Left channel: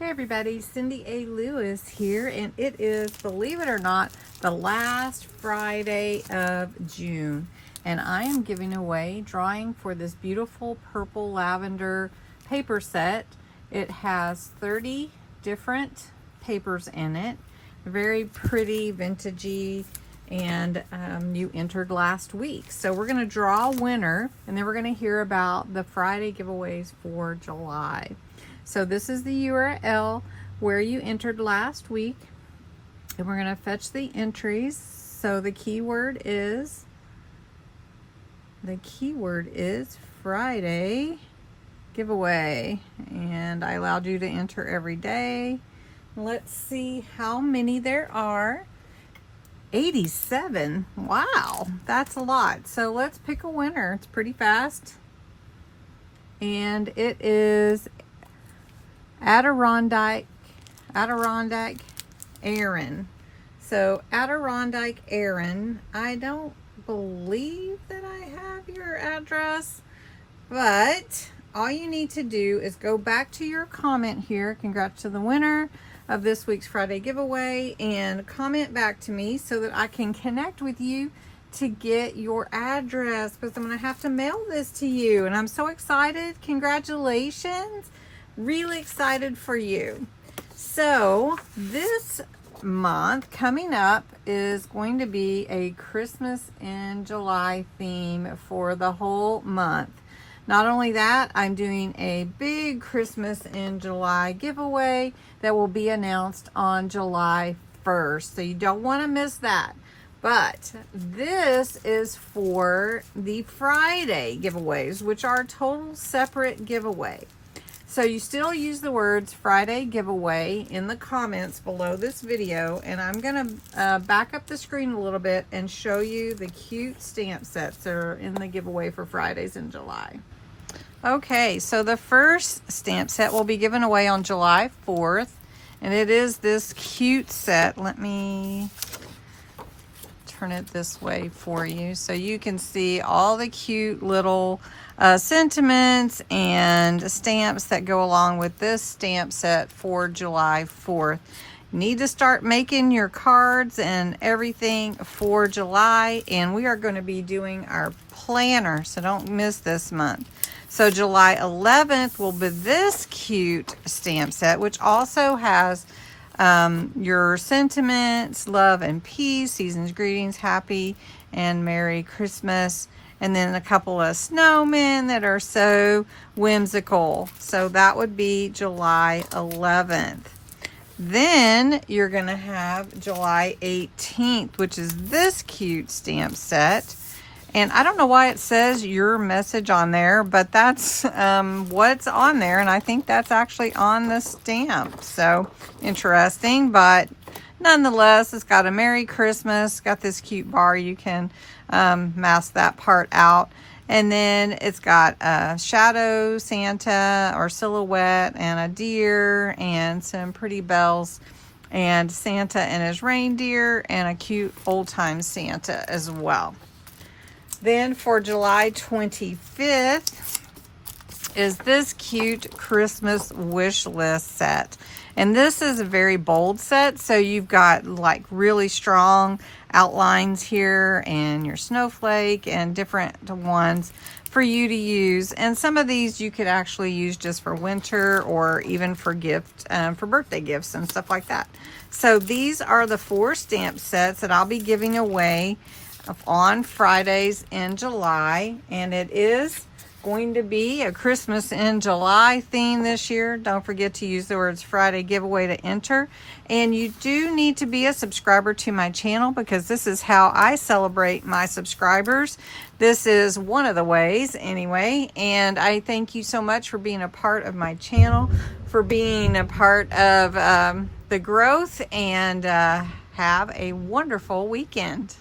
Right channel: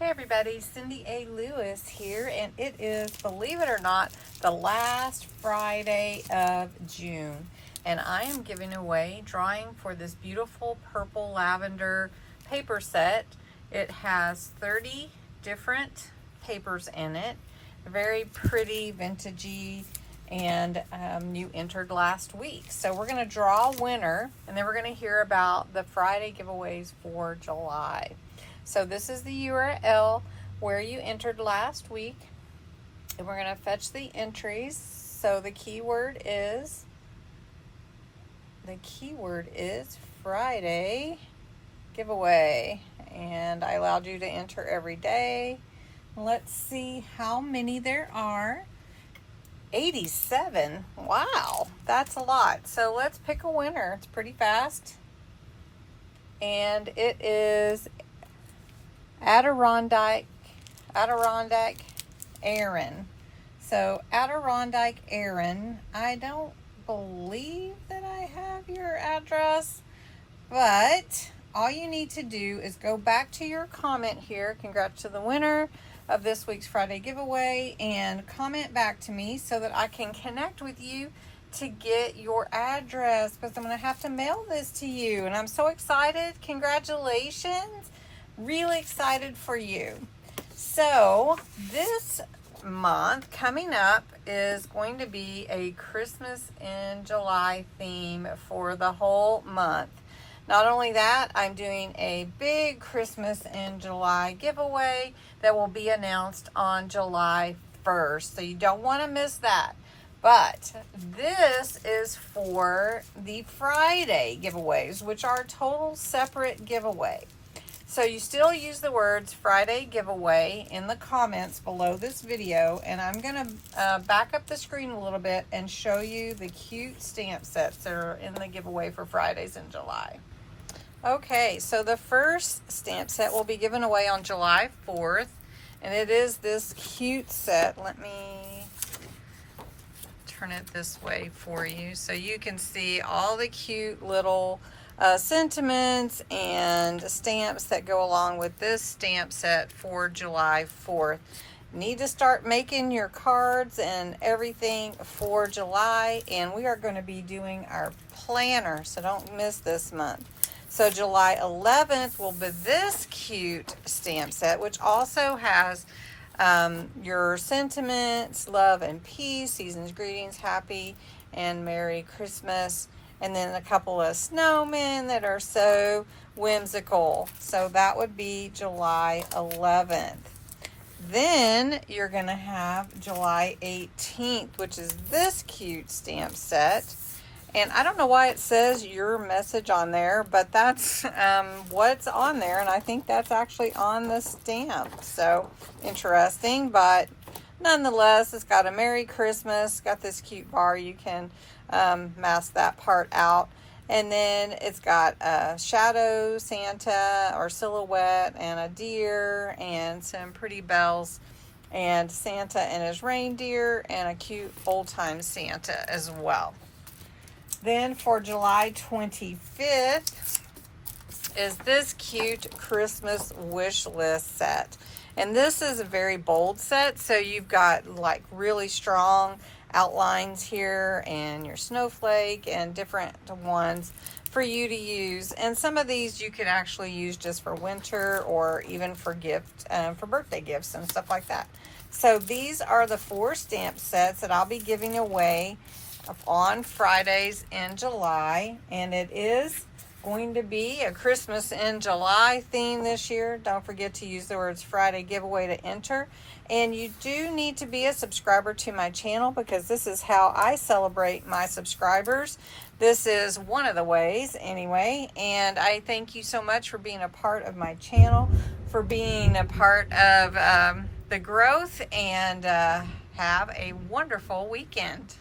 Hey everybody, CindyALewis here, and it is, believe it or not, the last Friday of June. And I am giving away drawing for this beautiful purple lavender paper set. It has 30 different papers in it. Very pretty, vintagey, and you entered last week. So we're going to draw a winner, and then we're going to hear about the Friday giveaways for July. So this is the URL where you entered last week, and we're going to fetch the entries. So the keyword is Friday giveaway, and I allowed you to enter every day. Let's see how many there are. 87. Wow, that's a lot. So let's pick a winner. It's pretty fast, and it is Adirondack Aaron. So Adirondack Aaron, I don't believe that I have your address, but all you need to do is go back to your comment here. Congrats to the winner of this week's Friday giveaway, and comment back to me so that I can connect with you to get your address, because I'm going to have to mail this to you, and I'm so excited. Congratulations. Really excited for you. So this month coming up is going to be a Christmas in July theme for the whole month. Not only that, I'm doing a big Christmas in July giveaway that will be announced on July 1st. So you don't want to miss that. But this is for the Friday giveaways, which are a total separate giveaway. So you still use the words Friday giveaway in the comments below this video, and I'm going to back up the screen a little bit and show you the cute stamp sets that are in the giveaway for Fridays in July. Okay, so the first stamp set will be given away on July 4th, and it is this cute set. Let me turn it this way for you so you can see all the cute little sentiments and stamps that go along with this stamp set for July 4th. You need to start making your cards and everything for July, and we are going to be doing our planner, so don't miss this month. So July 11th will be this cute stamp set, which also has your sentiments, love and peace, season's greetings, happy and Merry Christmas, and then a couple of snowmen that are so whimsical. So that would be July 11th. Then you're going to have July 18th, which is this cute stamp set. And I don't know why it says your message on there, but that's what's on there. And I think that's actually on the stamp. So interesting, but nonetheless, it's got a Merry Christmas, got this cute bar. You can mask that part out. And then it's got a shadow Santa or silhouette and a deer and some pretty bells and Santa and his reindeer and a cute old-time Santa as well. Then for July 25th is this cute Christmas wish list set. And this is a very bold set, so you've got like really strong outlines here and your snowflake and different ones for you to use. And some of these you could actually use just for winter or even for for birthday gifts and stuff like that. So these are the 4 stamp sets that I'll be giving away on Fridays in July, and it is going to be a Christmas in July theme this year. Don't forget to use the words Friday giveaway to enter. And you do need to be a subscriber to my channel, because this is how I celebrate my subscribers. This is one of the ways anyway, and I thank you so much for being a part of my channel, for being a part of the growth, and have a wonderful weekend.